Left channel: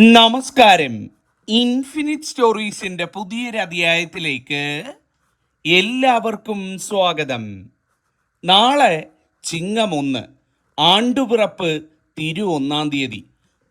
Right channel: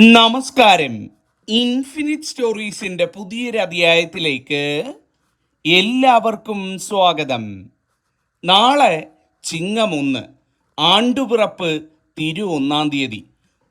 നമസ്കാരം. ഇൻഫിനിറ്റ് സ്റ്റോറീസിന്റെ പുതിയൊരു അധ്യായത്തിലേക്ക് എല്ലാവർക്കും സ്വാഗതം. നാളെ ചിങ്ങം ഒന്ന് ആണ്ടുപിറപ്പ് തിരു ഒന്നാം തീയതി.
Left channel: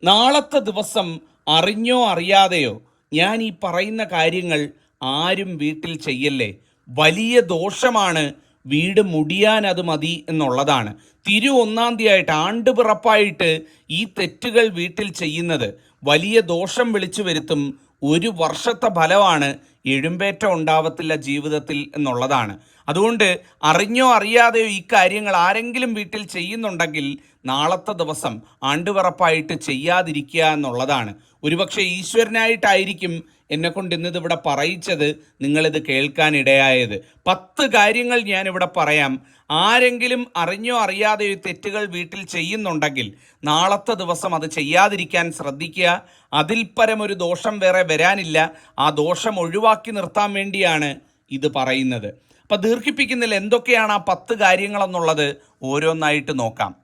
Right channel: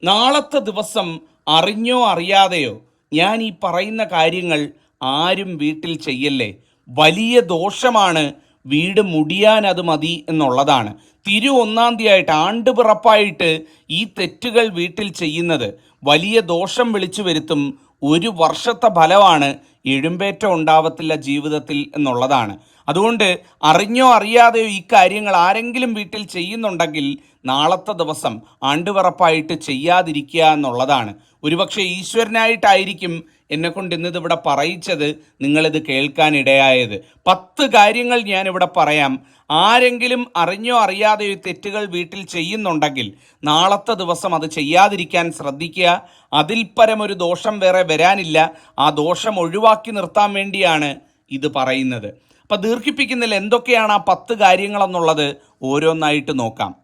നാളത്തെ ദിവസം അറിഞ്ഞോ അറിയാതെയോ ഞാൻ ഈ പറയുന്ന കാര്യങ്ങൾ ആരും വീട്ടിൽ ചെയ്യല്ലേ? വലിയ ദോഷമാണ് വീട് മുടിയാൻ അത് മതി എന്നുള്ളതാണ്. തിരു ഒന്നാം തീയതിയായിട്ട് ആണ്ടുപിറപ്പായിട്ട് ഈ തെറ്റുകൾ വീട്ടിൽ ചെയ്യുന്നത് വലിയ ദോഷം വിളിച്ചു വരുത്തും ഒരു വർഷത്തെ ഫലമാണ് എഴുമ്പേറ്റം ഉണ്ടാവത്തില്ല ജീവിതത്തിൽ എന്നുള്ളതാണ്. അതുകൊണ്ട് അറിഞ്ഞോ അറിയാതെയോ ഈ കാര്യങ്ങൾ ആരെങ്കിലും വീട്ടിൽ ചെയ്യുന്നുണ്ടെങ്കിൽ നാളത്തെ ദിവസം ആണ്ടുപിറപ്പായിട്ട് ചെയ്യാതിരിക്കുക എന്നുള്ളതാണ്. ഒരുപക്ഷെ ഈശ്വരനായിട്ടായിരിക്കും എന്നെ കൊണ്ട് ഇന്നത് ഇവിടെ പറയിച്ചത് നിങ്ങളിത് കേൾക്കാനിടയായത് പത്ത് കാര്യങ്ങൾ ഞാനിവിടെ പറയാം. ആരെങ്കിലും അറിഞ്ഞോ അറിയാതെയോ തെറ്റുകൾ വീട്ടിൽ ചെയ്യുന്നുണ്ടെങ്കിൽ നാളത്തെ ദിവസം അത് ചെയ്യാതിരിക്കാൻ ശ്രദ്ധിക്കുക. അതിൽ പരമൊരു ദോഷം വേറെ വരാനില്ല. ആ ദോഷം ഒഴിവാക്കി നിർത്താൻ വേണ്ടിയാണ് ഇത് പറയുന്നത്. അപ്പം ദീർഘിപ്പിക്കുന്നതിൽ എന്തൊക്കെയാണ് ആ പത്ത് കാര്യങ്ങളെന്നുള്ളത് ഓരോന്നായിട്ട് നോക്കാം.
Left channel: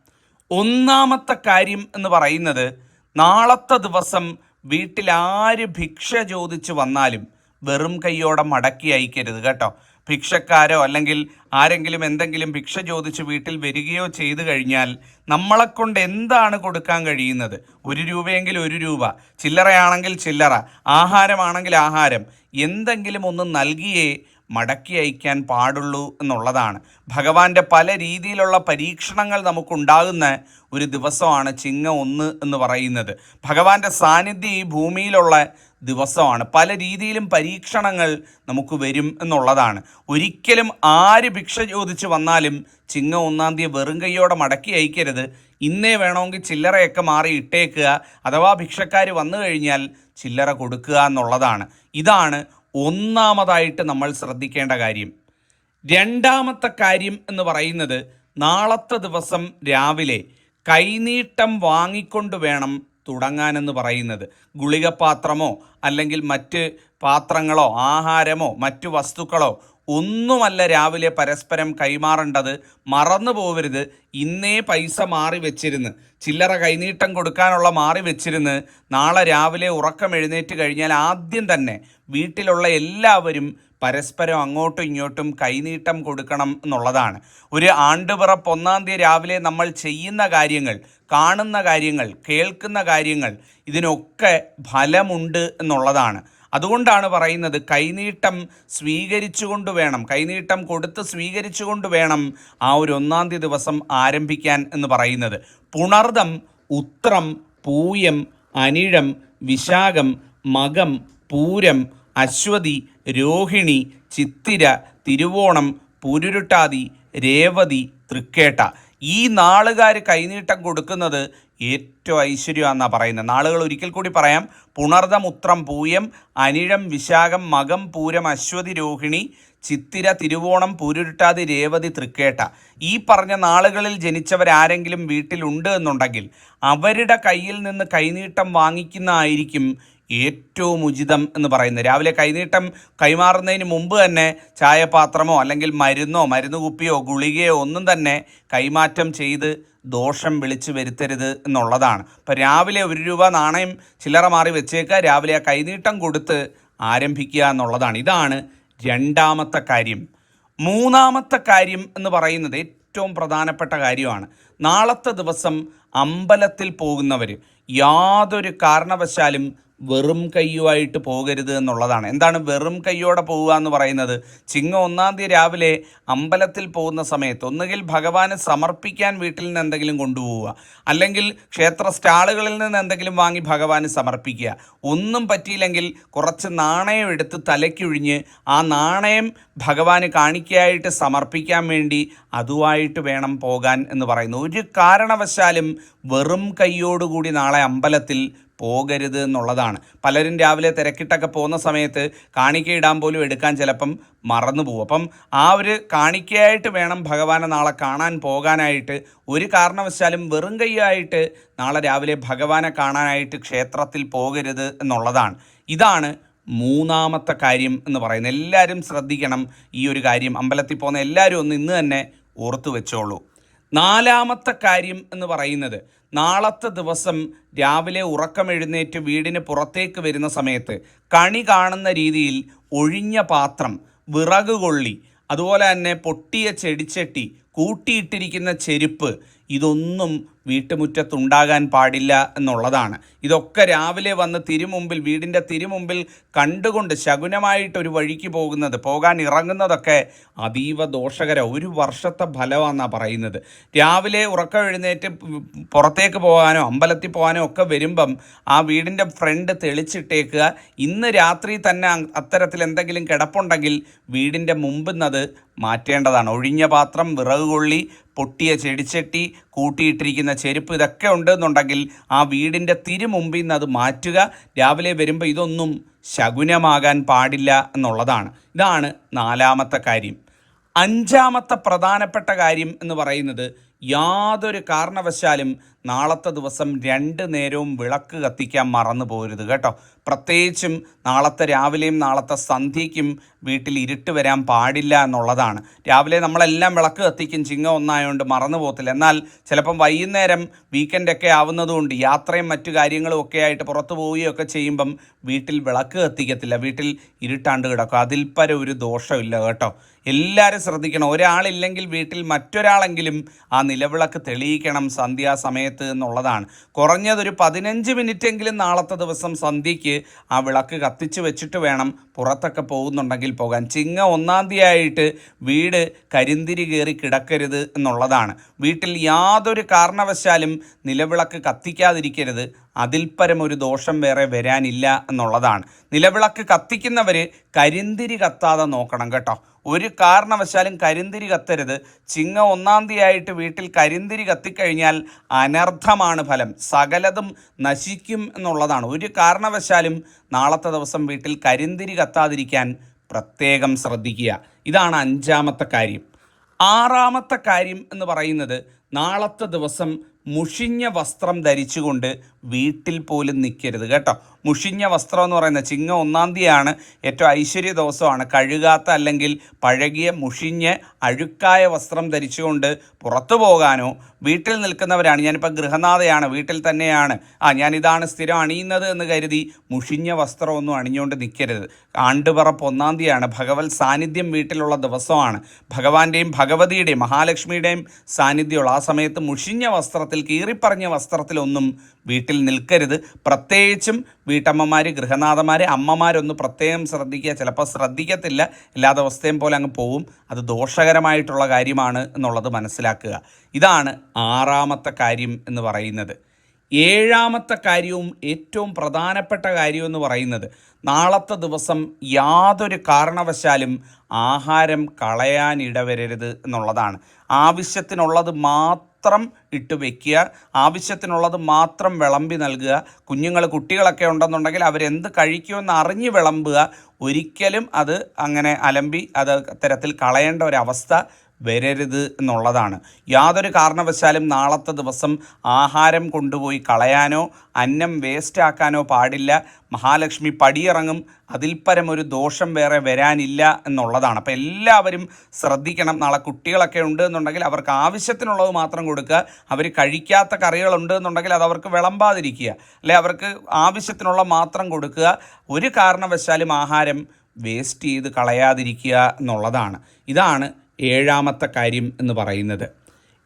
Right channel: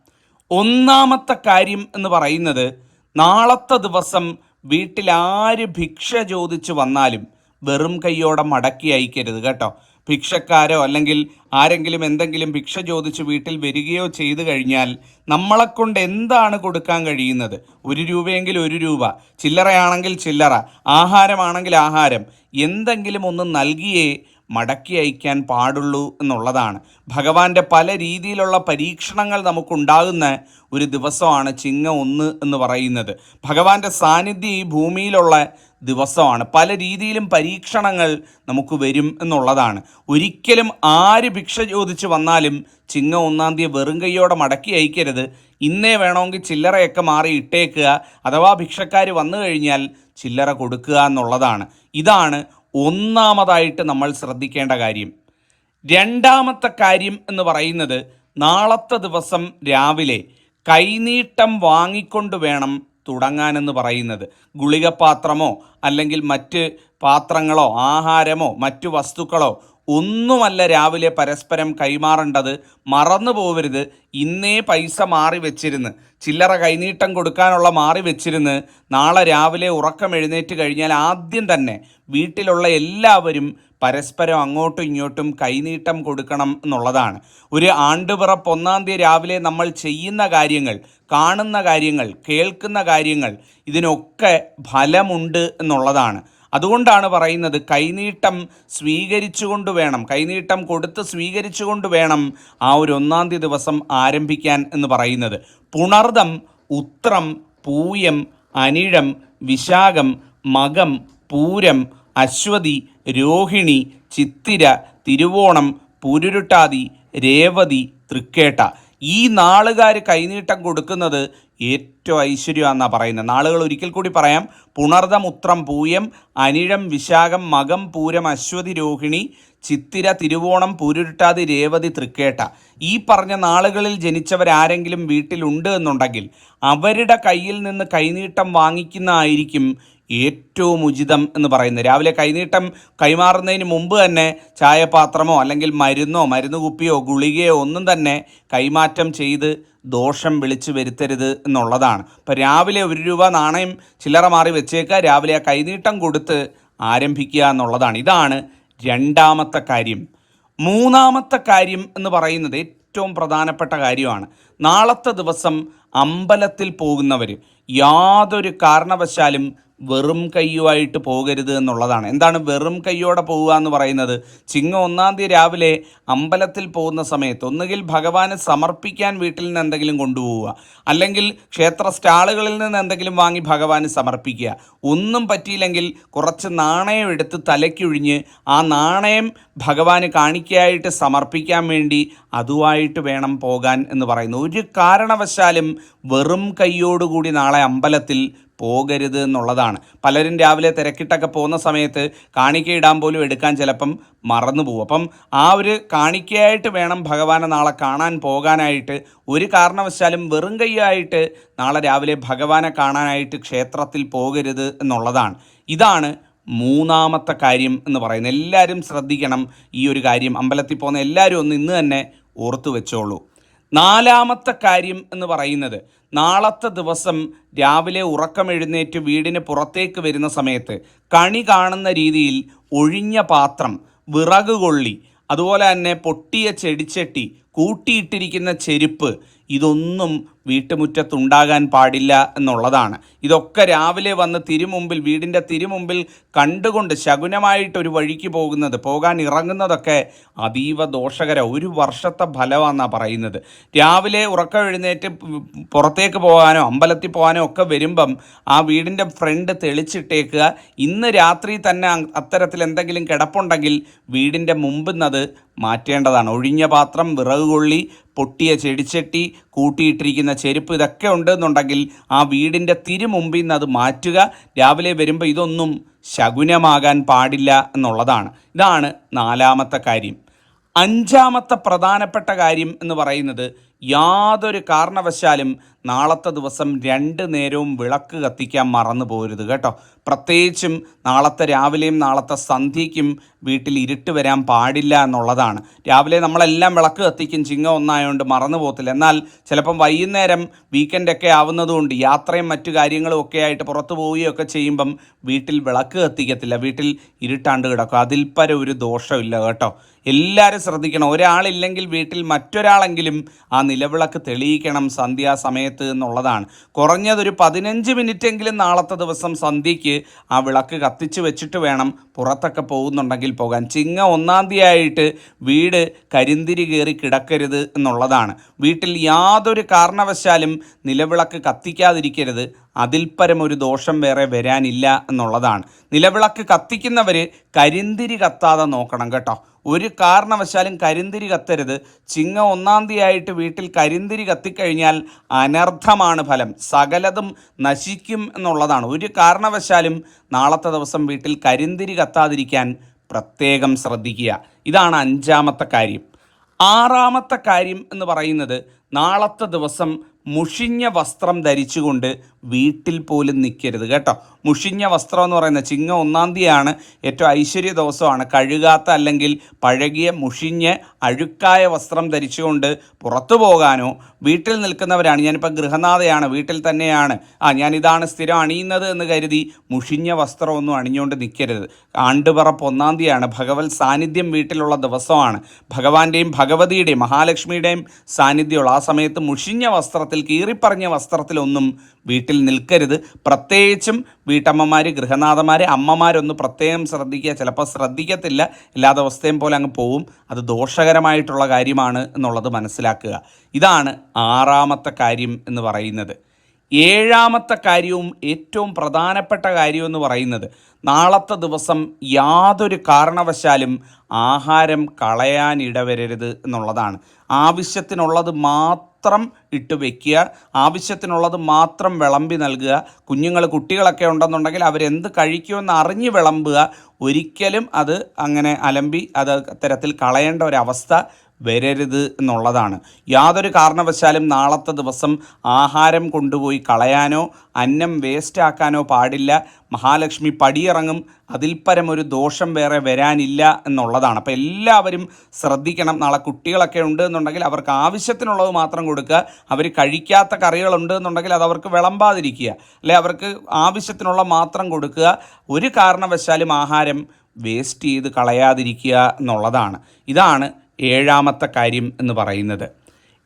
ഒന്നാമത്തെ കാര്യം എന്ന് പറയുന്നത് നാളത്തെ ദിവസം വീട്ടിൽ ആര് ഭിക്ഷ ചോദിച്ചു വന്നാലും വെറും കൈയോടെ മടക്കി അയക്കരുത് കേട്ടോ. ഭിക്ഷക്കാരോ അല്ലെങ്കിൽ ആരെങ്കിലും എന്തെങ്കിലും ഭിക്ഷ ചോദിച്ച് വീട്ടിൽ വരികയോ ചെയ്തു കഴിഞ്ഞാൽ നമ്മളെ കൊണ്ട് എന്താണ് കൊടുക്കാൻ കഴിയുന്നത്? ഒരു രൂപയെങ്കിൽ ഒരു രൂപ ചില്ലറയാണെങ്കിൽ ചില്ലറ ആഹാരമാണെങ്കിൽ ആഹാരം എന്തെങ്കിലും ഒന്ന് നൽകിയേ മടക്കി അയക്കാൻ പാടുള്ളൂ എന്നുള്ളതാണ്. ഭഗവാന്റെ പല രീതിയിലുള്ള പരീക്ഷണങ്ങൾ നമുക്കുണ്ടാകുന്ന ഒരു ദിവസമാണ് ചിങ്ങ ഒന്ന് എന്ന് പറയുന്നത്. ഭഗവാന്റെ സാന്നിധ്യം ഈ ഭൂമിയിലുള്ള ദിവസമാണ്. പല രീതിയിലും പരീക്ഷണങ്ങൾ നമുക്ക് വരും എന്നുള്ളതാണ്. ഒരിക്കലും ആര് ഭിക്ഷ ചോദിച്ച് വന്നാലും ചിങ്ങ ഒന്നാം തീയതി വെറും കൈയോടെ മടക്കി അയക്കരുത്. ഇന്നേ വേണമെങ്കിൽ ചില്ലറയൊക്കെ മാറി ഇട്ടേക്കുക. അഥവാ ഭിക്ഷക്കാർ വന്നു കഴിഞ്ഞാൽ ചില്ലറ കൊടുക്കുക എന്നുള്ളതാണ്. ഇതാണ് ഒന്നാമതായിട്ട് നമ്മൾ ശ്രദ്ധിക്കേണ്ട കാര്യം രണ്ടാമത്തെ കാര്യം എന്ന് പറയുന്നത് നാളത്തെ ദിവസം രാവിലെ കൈനീട്ടം വാങ്ങിക്കൊണ്ട് വേണം തുടങ്ങാനെന്ന് പറയുന്നത്. ഗുളികപാത്രമോ അല്ലെങ്കിൽ മറ്റ് പാത്രങ്ങളോ ആഹാരമോ മറ്റു വസ്തുക്കളോ ഒന്നുമല്ല രാവിലെ പരസ്പരം കൈമാറേണ്ടത്. മറന്നു പോവരുത്. ഇന്നേ പൈസ മാറി വെച്ചിരുന്ന്. ചില്ലറ കൈനീട്ടം കൊടുക്കാനുള്ള മാറി വെച്ചിരുന്ന്. നാളെ രാവിലെ ഉറക്കം എഴുന്നേറ്റ് കഴിഞ്ഞാൽ ആദ്യം തന്നെ വീട്ടിലുള്ള എല്ലാവരും പരസ്പരം അങ്ങോട്ടും ഇങ്ങോട്ടും കൈനീട്ടം കൊടുക്കണം എന്നുള്ളതാണ്. ഒരു ആണ്ടുപിറപ്പ് ഒന്നാം തീയതി രാവിലെ നമ്മൾ ചെയ്യുന്ന കാര്യങ്ങൾ കാണുന്ന കാര്യങ്ങൾ കേൾക്കുന്ന കാര്യങ്ങൾ ഇതിനൊക്കെ ഫലമുണ്ട് എന്നുള്ളതാണ്. അതുകൊണ്ടാണ് പറയുന്നത് കൈനീട്ടം സ്വീകരിച്ചുകൊണ്ട് വേണം കൈനീട്ടം കൊടുത്ത് സ്വീകരിച്ചുകൊണ്ട് വേണം ആ ഒരു ഒന്നാം തീയതി ദിവസം ആരംഭിക്കാൻ എന്ന് പറയുന്നത്. പുണർദം ഉത്രം പൂയം അനിഴം വിശാഖം മകം പൂരം അശ്വതി രോഹിണി ചിത്തിര തിരുവോണം പുരുരുട്ടാതി രേവതി തൃക്കേട്ട. ഈ നാളുകാർ കൈനീട്ടം കൊടുക്കുന്നത് ഏറ്റവും ഐശ്വര്യമാണെന്നാണ് പറയുന്നത്. നാളുകൾ ഒരിക്കൽ കൂടി പറയാം. പുണർതമുത്രം പൂയം അനിഴം വിശാഖം മകം പൂരം അശ്വതി രോഹിണി ചിത്തിര തിരുവോണം പൂരുരുട്ടാതി രേവതി തൃക്കേട്ട. ഈ പറഞ്ഞ നാളുകളിൽ ജനിച്ചവരാരെങ്കിലും വീട്ടിലുണ്ട് എന്നുണ്ടെങ്കിൽ അവരുടെ കയ്യിൽ നിന്ന് കൈനീട്ടം വാങ്ങിക്കുന്നതായിരിക്കും ഏറ്റവും ഉചിതം എന്ന് പറയുന്നത്. രാവിലെ കൈനീട്ടം കൈമാറുന്നതിന് മുമ്പ് തന്നെ ചായപാത്രമോ അല്ലെങ്കിൽ മരുന്നോ മരുന്ന് കുപ്പിയോ ഗുളികയോ ഒന്നും തന്നെ കൈമാറ്റം ചെയ്ത് ദോഷം വിളിച്ചു വരുത്തരുത് എന്നുള്ളതാണ്. ഇപ്പം രാവിലെ ഒരു രൂപ നാണയം ചില്ലറ മാറി വെച്ചേക്കുക രാവിലെ ആ കൈനീട്ടം കൊടുത്ത് ആരംഭിക്കുക എന്നുള്ളതാണ്. ഇതാണ് രണ്ടാമത്തെ കാര്യം. മൂന്നാമത്തെ കാര്യം എന്ന് പറയുന്നത് ഏറ്റവും പ്രധാനപ്പെട്ട കാര്യമാണ്. നാളത്തെ ദിവസം അമ്പലത്തിൽ പോകുന്നവർ യാതൊരു കാരണവശാലും വെറും കയ്യുമായിട്ട് പോകരുത് എന്നുള്ളതാണ്. എന്താണ് വെറും കയ്യോടെ പോവുക എന്ന് പറയുന്നത്? ചിങ്ങ ഒന്നാം തീയതി രാവിലെ അമ്പലത്തിൽ പോകുന്ന സമയത്ത് ഒന്നുകിൽ ഭഗവാന് സമർപ്പിക്കാൻ വീട്ടിൽ നിന്ന് എന്തെങ്കിലും കൊണ്ടുപോവുക അല്ലെങ്കിൽ ക്ഷേത്ര സ്റ്റാളുകളിൽ നിന്ന് എന്തെങ്കിലും വാങ്ങി ഭഗവാന് സമർപ്പിക്കുക. ഒന്നും പറ്റിയില്ലെങ്കിൽ കുറച്ച് നാണയം എടുത്ത് തലയ്ക്കൊഴിഞ്ഞ് ആ നാണയം ഭഗവാന് കാണിക്കായിട്ട് സമർപ്പിക്കാൻ വേണ്ടി അതുമായിട്ട് വേണം പോകാൻ എന്ന് പറയുന്നു. ഒരു കാരണവശാലും വെറും കൈയോടുകൂടി നാളെ അമ്പലത്തിൽ പോകരുത് എന്നുള്ളതാണ്. പലരും രാവിലെ തിരക്കിട്ടൊക്കെ പോകുന്ന സമയത്ത് കാണിക്ക ഇടാൻ പോലും എടുക്കാൻ ചിലപ്പം മറന്നു പോകും. അപ്പം ആ ഒരു കാണിക്കയായിട്ട് വേണം ഭഗവാനെ നാളെ കാണാൻ പോകാനായിട്ട്. ഒരു കാരണവശാലും വെറും കൈയായിട്ട് നാളെ രാവിലെ ഭഗവാനെ കാണാനായിട്ട് ക്ഷേത്രത്തിൽ പോകരുത് എന്നുള്ളതാണ്. ഇതാണ് മൂന്നാമത്തെ കാര്യം എന്ന് പറയുന്നത്. എല്ലാവരും ശ്രദ്ധിക്കണം ഈ ഒരു കാര്യം. അമ്പലത്തിൽ പോകുന്ന എല്ലാവരും ഒന്ന് ഇന്ന് തന്നെ ഓർത്തു വെച്ചോളൂ നാലാമത്തെ കാര്യം എന്ന് പറയുന്നത് നാളത്തെ ദിവസം രാവിലെ ഉറക്കം എഴുന്നേറ്റ് വീടിന് പുറത്തേക്ക് വരുന്ന സമയത്ത് കണി കാണുന്ന രീതിയിൽ ഒഴിഞ്ഞ പാത്രം വിറക് കൊള്ളി അതുപോലെ തന്നെ പൊട്ടിയ ചെടിച്ചട്ടി കൂട്ടിയിട്ടിരിക്കുന്ന ചെരുപ്പ് ഇതൊന്നും വീട്ടുമുറ്റത്തുണ്ടാകാൻ പാടില്ല എന്നുള്ളതാണ്. ഇതൊക്കെ രാവിലെ വന്ന് തിരുമുമ്പിൽ വീടിന്റെ തിരുമുമ്പിൽ കണ്ടുകൊണ്ട് ശകുനമായിട്ടൊരു വഴിക്ക് പോകുന്നത് പോകാൻ ഇറങ്ങുന്നതൊക്കെ അതീവ ദോഷകര ഒരു വർഷത്തെ ഫലമാണെന്നാണ് പറയുന്നത്. രാവിലെ ഉറക്കം എഴുന്നേറ്റ് പുറത്തേക്ക് പോകാനോ അമ്പലത്തിൽ പോകാനോ ഒക്കെ വരുമ്പം ആ വീടിന്റെ ഫ്രണ്ട് തെളിച്ചിട്ടേക്കുക. ഇന്ന് രാത്രി തന്നെ അത്തരത്തിൽ എന്തെങ്കിലും കിടപ്പുണ്ടെങ്കിൽ വീടിന്റെ മുമ്പിൽ നിന്നത് മാറ്റേണ്ടതാണ്. ഒഴിഞ്ഞ പാത്രം വിറക് കൊള്ളി പൊട്ടിയ ചെടിച്ചട്ടി കൂട്ടിയിട്ടിരിക്കുന്ന ചെരുപ്പ് ഇതൊക്കെ ഉണ്ടെന്നുണ്ടെങ്കിൽ ആ വീടിന്റെ തിരുമുമ്പിൽ നിന്ന് അത് മാറ്റുക. രാവിലെ വരുമ്പോൾ ഇതൊന്നും ശകുനമാകാൻ പാടില്ല എന്നുള്ളതാണ്. ഇതാണ് നാലാമത്തെ കാര്യം. അഞ്ചാമത്തെ പ്രധാനപ്പെട്ട കാര്യം എന്ന് പറയുന്നത് യാതൊരു കാരണവശാലും നാളത്തെ ദിവസം രണ്ട് നേരവും വിളക്ക് കത്തിക്കാൻ മറന്നു പോരുത് കേട്ടോ. പ്രത്യേകിച്ചും നാളത്തെ രാവിലെയും നാളത്തെ സന്ധ്യയ്ക്കും വീട്ടിൽ ഇരുട്ട് വരാൻ പാടില്ല എന്നുള്ളതാണ്. രാവിലെ നമ്മളെല്ലാം വിളക്ക് കത്തിക്കും ചിങ്ങ ഒന്നായതുകൊണ്ട് മറന്നു പോകത്തില്ല. എന്നാൽ ചിലപ്പം വൈകുന്നേരം വീക്കെൻഡൊക്കെ ആവുന്നതുകൊണ്ട് യാത്രയും മറ്റു കാര്യങ്ങളും ഒക്കെ ആയിട്ട് പുറത്തു പോവുകയൊക്കെ ചെയ്യുമ്പം വീട്ടിൽ വിളക്ക് കത്തിക്കത്തില്ല. വീട്ടിൽ ഇരുട്ടാണ്ട് കിടക്കും. അതിൽ പര ഒരു ദോഷമില്ല കേട്ടോ. എല്ലാവരും ശ്രദ്ധിക്കണം. ഒരാളില്ലെങ്കിൽ വീട്ടിൽ മറ്റൊരാളെങ്കിലും ആ നിലവിളക്ക് തെളിയിക്കണം. സന്ധ്യാസമയത്ത് എന്നുള്ളതാണ്. കുറഞ്ഞതൊരു പതിനഞ്ച് മിനിറ്റെങ്കിലും നാളത്തെ ദിവസം സന്ധ്യയ്ക്ക് ആ വിളക്ക് കത്തിച്ച് വെച്ചിട്ട് വേണം പുറത്തൊക്കെ പോകുന്നുണ്ടെങ്കിൽ പോകാൻ. ചിങ്ങ ഒന്നാം തീയതിയായിട്ട് വീട് കരിന്തിരി കയറി കിടക്കരുത് എന്നുള്ളതാണ്. വീട്ടിൽ യാതൊരു കാരണവശാലും നിലവിളക്ക് കത്തിക്കാതിരിക്കരുത്. അതിൽപരമൊരു ഒരു ദോഷം വേറെ വരാനില്ല എന്നുള്ളതാണ്. നിലവിളക്ക് കത്തിക്കുന്നവർ കരിന്തിരി കത്താതെ നോക്കണം കേട്ടോ. ഒരു കാരണവശാലും കരിന്തിരി കത്തരുത്. ചിങ്ങ ഒന്നാം തീയതിയായിട്ട് വീട്ടിൽ കരിന്തിരി കത്തിക്കഴിഞ്ഞാൽ അനർത്ഥമാണ് ഫലം. സകലതും നശിക്കും എന്നുള്ളതാണ്. ഒരു കാരണവശാലും നാളത്തെ ദിവസം വീട്ടിൽ കരിന്തിരി കത്താതിരിക്കാൻ പ്രത്യേകം ശ്രദ്ധിക്കുക. ഇതാണ് അഞ്ചാമത്തെ കാര്യം. ആറാമത്തെ കാര്യം എന്ന് പറയുന്നത് നാളത്തെ ദിവസം മുഷിഞ്ഞ വസ്ത്രം ധരിച്ചുകൊണ്ട് വീട്ടിൽ പോലും നിൽക്കരുത് കേട്ടോ. മുഷിഞ്ഞ വസ്ത്രം എന്ന് പറയുന്നത് ചിങ്ങ ഒന്നാം തീയതിയാണ് ഏറ്റവും ഐശ്വര്യ ദിവസമാണ്. കഴുകാത്ത അല്ലെങ്കിൽ പഴകിയ മുഷിഞ്ഞ് അഴുക്കായ വസ്ത്രം ധരിച്ചുകൊണ്ട് പുറത്തു പോകാനോ വീട്ടിൽ നിൽക്കുന്നവരാണ്. ഞാനിപ്പോൾ ഗൃഹനാഥയാണ് വീട്ടിൽ തന്നെയാണ്. ആ ഞാനിതാണ് സ്ഥിരം അണിയുന്നത് എന്ന് കരുതി മുഷിഞ്ഞ വസ്ത്രമൊന്നും അണിഞ്ഞുകൊണ്ട് നിൽക്കരുത് ആണ്ടുപറപ്പ് ഒന്നാം തീയതിയാണ്. ഭഗവത് സാന്നിധ്യം വീട്ടിലുള്ള ദിവസമാണ്. ഭഗവാന്റെയും ഭഗവതിയുടെയും മഹാലക്ഷ്മിയുടെയും സാന്നിധ്യമുള്ള ആ സമയത്ത് മുഷിഞ്ഞ വസ്ത്രത്തിൽ കീറിപ്പറഞ്ഞ വസ്ത്രത്തിലൊന്നും വീട്ടിൽ നിൽക്കരുത്. പ്രത്യേകിച്ചും വീട്ടമ്മമാർ ഗൃഹനാഥന്മാർ അമ്മമാരൊന്ന് പ്രത്യേകം ശ്രദ്ധിക്കുക. ചിലപ്പോൾ ശ്രദ്ധിക്കത്തില്ല എല്ലാ ദിവസത്തെയും പോലെ അങ്ങ് പോവും. അത് ദോഷകരമായിട്ടുള്ള കാര്യമാണ് എന്നുള്ളത് മനസ്സിലാക്കുക. ഇതാണ് ആറാമത്തെ കാര്യം എന്ന് പറയുന്നത്. ഏഴാമത്തെ കാര്യവും ഏറ്റവും പ്രധാനപ്പെട്ട കാര്യം എന്ന് പറയുന്നത് നാളത്തെ ദിവസം യാതൊരു കാരണവശാലും ആഹാരം കളയാനിടവരരുത് എന്നുള്ളതാണ്. ആവശ്യത്തിനുള്ളത് മാത്രം ഇട്ട് വെക്കുക. ആവശ്യത്തിനുള്ളത് മാത്രം വിളമ്പി നൽകുക. കുഞ്ഞുങ്ങൾ കുട്ടികളൊക്കെ ഉണ്ടെന്നുണ്ടെങ്കിൽ അവരെന്ത് കഴിക്കുമെന്ന് അറിഞ്ഞ് വിളമ്പുക. ഒരിക്കലും അത് അങ്ങനെ അലമ്പി അത് തരത്തിൽ കളയേണ്ട ഒരവസ്ഥ വരരുത് എന്നുള്ളതാണ്. യാതൊരു കാരണവശാലും നാളത്തെ ദിവസം ആഹാരം കൊണ്ടുപോയി കളയാനോ അന്നം വേസ്റ്റാക്കാനോ പാടില്ല. മഹാലക്ഷ്മി പടിയിറങ്ങും. അതിൽ പരം ഒരു ദോഷം വേറെ വരാനില്ല എന്നുള്ളതാണ്. അപ്പോൾ എല്ലാവരും ശ്രദ്ധിക്കണം. നാളെ കുട്ടികളൊക്കെ ഉണ്ട് എന്നുണ്ടെങ്കിൽ അവർക്ക് ആവശ്യത്തിനുള്ളത് മാത്രം കൊടുക്കുക. അവർ കഴിക്കാത്ത കറികളുണ്ട് എന്നുണ്ടെങ്കിൽ അത് അവർക്ക് വിളമ്പാതിരിക്കുക. അല്ലെ അവർക്ക് ആവശ്യത്തിനുള്ള മാത്രം കൊടുക്കുക. ഒരു കാരണവശാലും ആഹാരം വേസ്റ്റ് ചെയ്ത് കളയാതിരിക്കുക എന്നുള്ളതാണ്. ഇതാണ് ഏഴാമത്തെ കാര്യം എന്ന് പറയുന്നത്.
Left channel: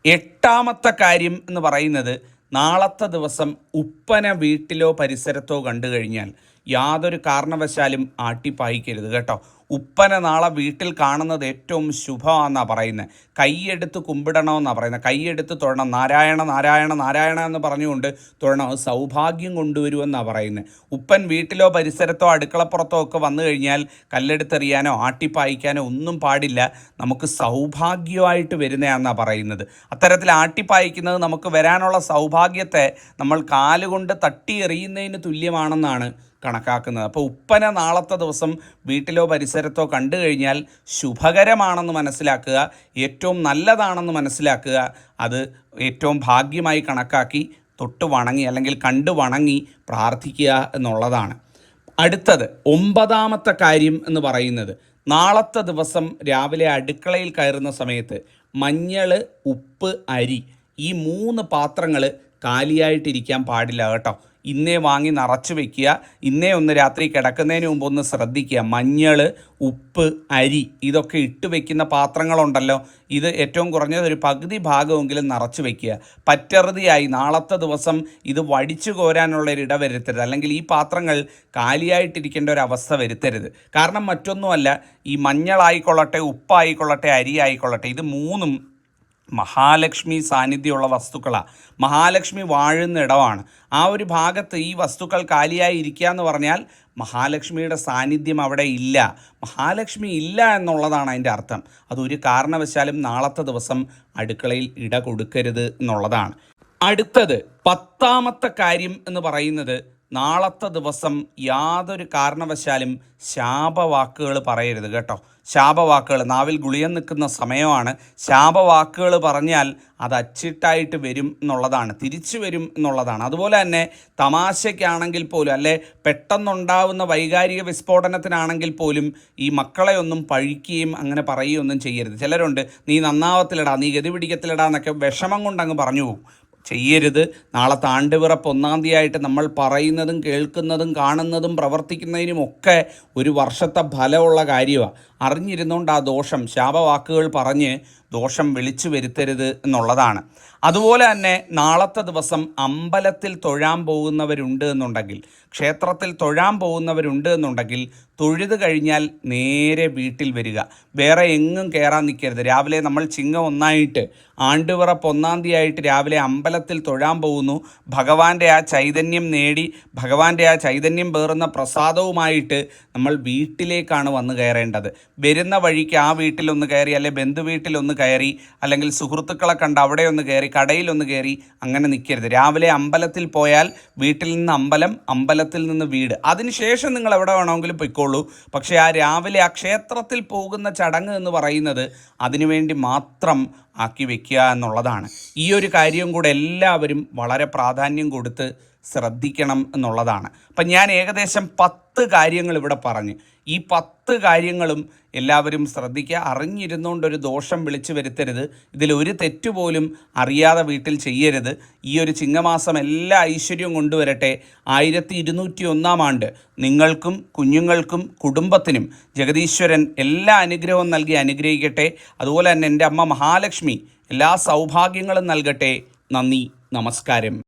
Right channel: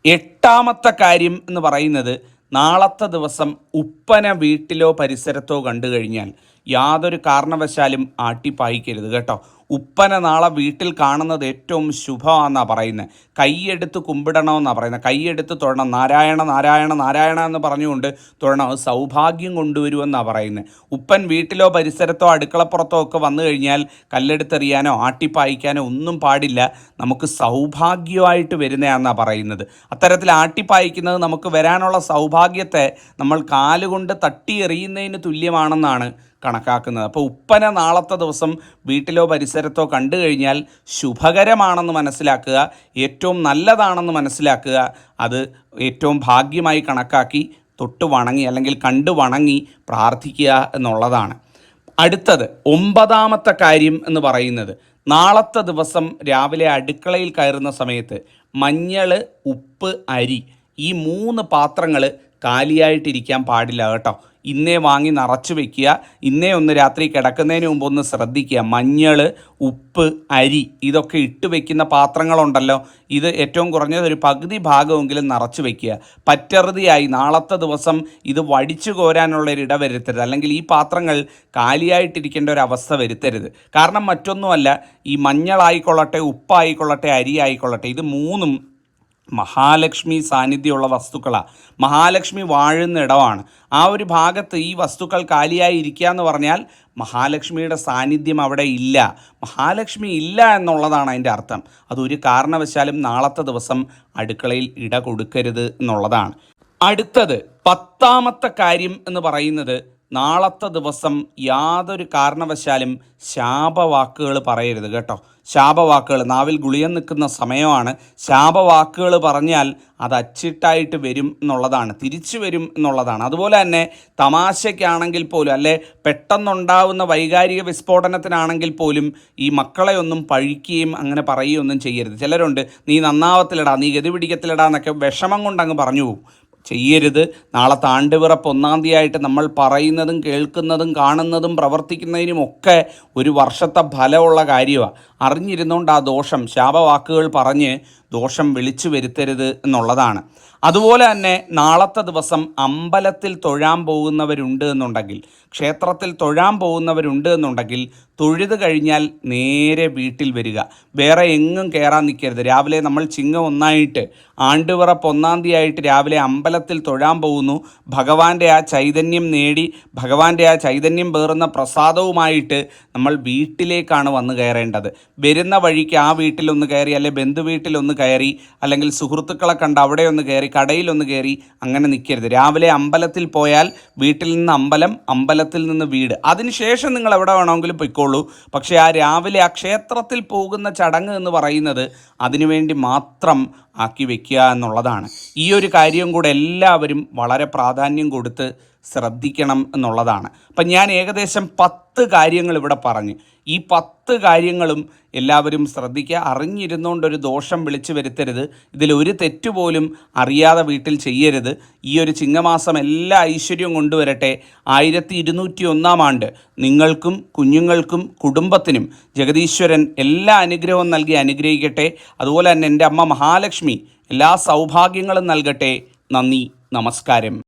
എട്ടാമത്തെ കാര്യം എന്ന് പറയുന്നത് നാളത്തെ ദിവസം ഉപ്പന വീട്ടിലോ പരിസരത്തോ കണ്ടു കഴിഞ്ഞാൽ യാതൊരു കാരണവശാലും ആട്ടിപ്പായിക്കരുത് കേട്ടോ. ഉപ്പന നാളെ വീട്ടിൽ കാണുന്നത് ഏറ്റവും ശുഭമാണെന്നാണ് പറയുന്നത് കൈയെടുത്ത് കുമ്പിടണമെന്നാണ് പറയുന്നത് കൈയെടുത്ത് തൊഴണം. നാരായണ നാരായണ നാരായണ എന്ന് പറഞ്ഞുകൊണ്ട് തൊഴണം. സൗഭാഗ്യം കൊണ്ടുവരുമെന്നാണ് പറയുന്നത് ഉപ്പൻ വീട്ടിലോ പരിസരത്തോ അടുക്കളപ്പുറത്തോ ഒക്കെ വന്നു കഴിഞ്ഞാൽ കല്ലെടുത്തെറിയാനോ ആട്ടിപ്പായിക്കാനോ ഒന്നും പാടില്ല. നമുക്ക് സൗഭാഗ്യമായിട്ട് വരുന്നതാണെന്നാണ് പറയുന്നത്. അത്തരത്തിൽ ആട്ടിപ്പായിക്കുന്നത് നമുക്ക് വരാനുള്ള സൗഭാഗ്യത്തെ നമ്മൾ കാലുകൊണ്ട് തട്ടിയെറിയുന്നതിന് തുല്യമാണെന്നാണ് കണക്കാക്കുന്നത്. അപ്പോൾ ഉപ്പന നാളത്തെ ദിവസം വീട്ടിലോ പരിസരത്തോ കണ്ടു കഴിഞ്ഞാൽ ശുഭകരമാണെന്ന് മനസ്സിലാക്കുക ഏറ്റവും നല്ലതാണെന്ന് മനസ്സിലാക്കുക അത് ഏറ്റവും ഭാഗ്യമായി കണക്കാക്കി തൊട്ട് വണങ്ങി അല്ലെങ്കിൽ കണ്ടു വണങ്ങി പ്രാർത്ഥിക്കുക എന്നുള്ളതാണ്. അടുത്തത് ഒമ്പതാമത്തെ കാര്യം എന്ന് പറയുന്നത് നാളത്തെ ദിവസം രാവിലെ അടുക്കളയിൽ കയറുന്ന സമയത്ത് മഞ്ഞൾ ഉപ്പ് അരി ഈ മൂന്ന് പാത്രങ്ങൾ കാലിയായിട്ടിരിക്കാൻ പാടില്ല കേട്ടോ. ഇന്നേ വാങ്ങി നിറച്ച് വെക്കുക. ഇന്നേ ഒന്ന് രാത്രി കിടക്കുന്നതിന് മുമ്പ് ഒന്ന് ശ്രദ്ധിക്കുക. മഞ്ഞൾ ഉപ്പ് അരി ഇതൊക്കെ ഇട്ട് വെക്കുന്ന പാത്രങ്ങളുണ്ടല്ലോ. ഇത് ഏറ്റവും കുറഞ്ഞത് ഒരു പകുതി ഭാഗമെങ്കിലും നിറച്ച് വെക്കുക. പറ്ററുതിയായി നാളത്തെ ദിവസം ഇത് വടിച്ചു കോരാനുള്ള ഒരു ഇട വരുത്തരുത്. അല്ലെങ്കിൽ ഈ പാത്രങ്ങൾ കാലിയായിട്ടിരിക്കേണ്ട ഒരു അവസ്ഥ വരുത്തരുത്. കാരണം മറ്റൊന്നുമല്ല ഈ മഞ്ഞളായിക്കൊള്ളട്ടെ ഉപ്പായിക്കൊള്ളട്ടെ അരി ആയിക്കൊള്ളട്ടെ ഇത് മൂന്നും മഹാലക്ഷ്മി സാന്നിധ്യമുള്ള വസ്തുക്കളാണ് മഹാലക്ഷ്മി വാഴുന്ന ഇടമാണ്. ആ ഒരു ഭാഗത്ത് ഈ വസ്തുക്കൾ കാലിയായി ഇരിക്കുക എന്ന് പറഞ്ഞാൽ മഹാലക്ഷ്മിയുടെ സാന്നിധ്യം അവിടെ ഇല്ല. മഹാലക്ഷ്മി ഇല്ല എന്നുള്ളതാണ് അതിന്റെ അർത്ഥം. അതൊരു കാരണവശാലും നാളത്തെ ദിവസം അടുക്കളയിൽ ഇട കൊടുക്കരുത് എന്നുള്ളതാണ്. അടുത്തത് പത്താമത്തെ കാര്യം എന്ന് പറയുന്നത് നാളത്തെ ദിവസം യാതൊരു കാരണവശാലും ശാപവാക്കുകൾ പറയരുത് കേട്ടോ. ശാപവാക്കുകൾ. നാവിൽ ഗുളിയൻ നിൽക്കുന്ന സമയമാണ്. ശാപവാക്കുകൾ പറഞ്ഞാൽ അത് അച്ചിട്ടായിട്ട് വരും എന്നുള്ളതാണ്. തിരിച്ചു വരും എന്നുള്ളതാണ്. അതുപോലെ തന്നെ തമാശയ്ക്കാണെങ്കിൽ പോലും അല്ലെ പെട്ടെന്നുണ്ടാവുന്ന വൈകാരിക വിസ്ഫോടനത്തിനാണെങ്കിൽ പോലും ഈ മക്കളെ ഒന്നും പഴിക്കുകയും അങ്ങനെ പറയുകയൊന്നും ചെയ്യരുത്. ചിലരുണ്ട് നീ നന്നാവത്തിലടാ നീ ഗതി പിടിക്കത്തിലടാ എന്നൊക്കെ വിഷമം കൊണ്ടങ്ങ് പറഞ്ഞു പോകും. ചെയ്യരുത്. നാളെ താണ്ടുവിറപ്പ് ഒന്നാം തീയതിയായിട്ട് നമ്മൾ പറയുന്നതും കേൾക്കുന്നതും കാണുന്നതും പ്രവർത്തിക്കുന്നതിനും ഒക്കെ ഒരു വർഷത്തെ ഫലമുള്ള കാര്യമാണ് അറിഞ്ഞിരുന്നുകൊണ്ട് ആ ദോഷം ശാപവാക്കുകൾ പറഞ്ഞ് ദോഷം വിളിച്ചു വരുത്തരുത് എന്നുള്ളതാണ്. അതുപോലെ തന്നെ നാളത്തെ ദിവസം അമ്പലത്തിൽ തൊഴാൻ പോകുന്നവരുണ്ട് എന്നുണ്ടെങ്കിൽ ക്ഷേത്രത്തിൽ തൊഴാൻ പോകുന്നവരുണ്ട് എന്നുണ്ടെങ്കിൽ തൊഴുത് കഴിഞ്ഞാൽ നേരെ വീട്ടിൽ വരിക. വേറെ എങ്ങും കയറാൻ നിൽക്കരുത്. രാവിലെ നമ്മൾ ചിങ്ങ ഒന്നായിട്ട് ആണ്ടുപിറപ്പ് ഒന്നാം തീയതി ആയിട്ട് രാവിലെ അമ്പലത്തിൽ തൊഴാൻ പോകുന്നു. ഭഗവാന്റെ ആ ചൈതന്യം നേടി ഭഗവാന്റെ ആ ചൈതന്യം പേറുന്ന പ്രസാദവുമായിട്ട് നമ്മൾ വീട്ടിലേക്കാണ് വന്നു കയറേണ്ടത്. വരുന്ന വഴിക്ക് ആ വീട്ടിലൊന്ന് കയറി അല്ലെ ബന്ധു വീട്ടിലൊന്ന് കയറി അല്ലെങ്കിൽ സുഹൃത്തുക്കളെ കണ്ട് അവിടെ ഒന്ന് കയറി കടയിലൊന്ന് കയറി അങ്ങനെ നിൽക്കരുത് രാവിലെ അമ്പലത്തിൽ പോയാൽ വീട്ടിൽ നിന്ന് അമ്പലം അമ്പലം അമ്പലത്തിൽ നിന്ന് വീട്. അതിനുശേഷം നിങ്ങൾ എവിടെ വേണമെങ്കിലും പൊയ്ക്കോളൂ. പക്ഷേ ആ രാവിലെ ആ ക്ഷേത്രത്തിൽ പോകുന്ന ചടങ്ങ് എന്ന് പറയുന്നത് അതിനുവേണ്ടി മാത്രം ആക്കി വെക്കുക എന്നുള്ളതാണ്. ഈ ഒരു കാര്യം കൂടെ എല്ലാവരും വളരെ പ്രാധാന്യം കൊടുത്ത് ശ്രദ്ധിക്കണം എന്നുള്ളതാണ്. അപ്പം ഞാൻ ഏകദേശം പത്ത് കാര്യങ്ങൾ ഇവിടെ പറഞ്ഞു. ഈ പത്ത് കാര്യങ്ങളും എല്ലാവരും ശ്രദ്ധിക്കുക. അറിഞ്ഞിരുന്നുകൊണ്ടൊരു ദോഷം വിളിച്ചു വരുത്തരുത്. ഇതിലൊരു തെറ്റുപോലും അറിയാതെ വീട്ടിൽ ചെയ്യരുത്. ഈ ഒരു ചിങ്ങമാസം എല്ലാ ഐശ്വര്യവും കൊണ്ടുവരട്ടെ. ആയിരത്തി ഇരുന്നൂറ്റി ഒന്നാം ആണ്ട് നിങ്ങൾക്കും കുഞ്ഞുങ്ങൾക്കും കുടുംബത്തിനും ജഗദീശ്വരൻ എല്ലാ അനുഗ്രഹവും നൽകി അനുഗ്രഹിക്കട്ടെ. അതുപോലെ തന്നെ എന്റെ അമ്മ മഹാലക്ഷ്മി എല്ലാ സൗഭാഗ്യങ്ങളും നൽകട്ടെ. നന്ദി. നമസ്കാരം.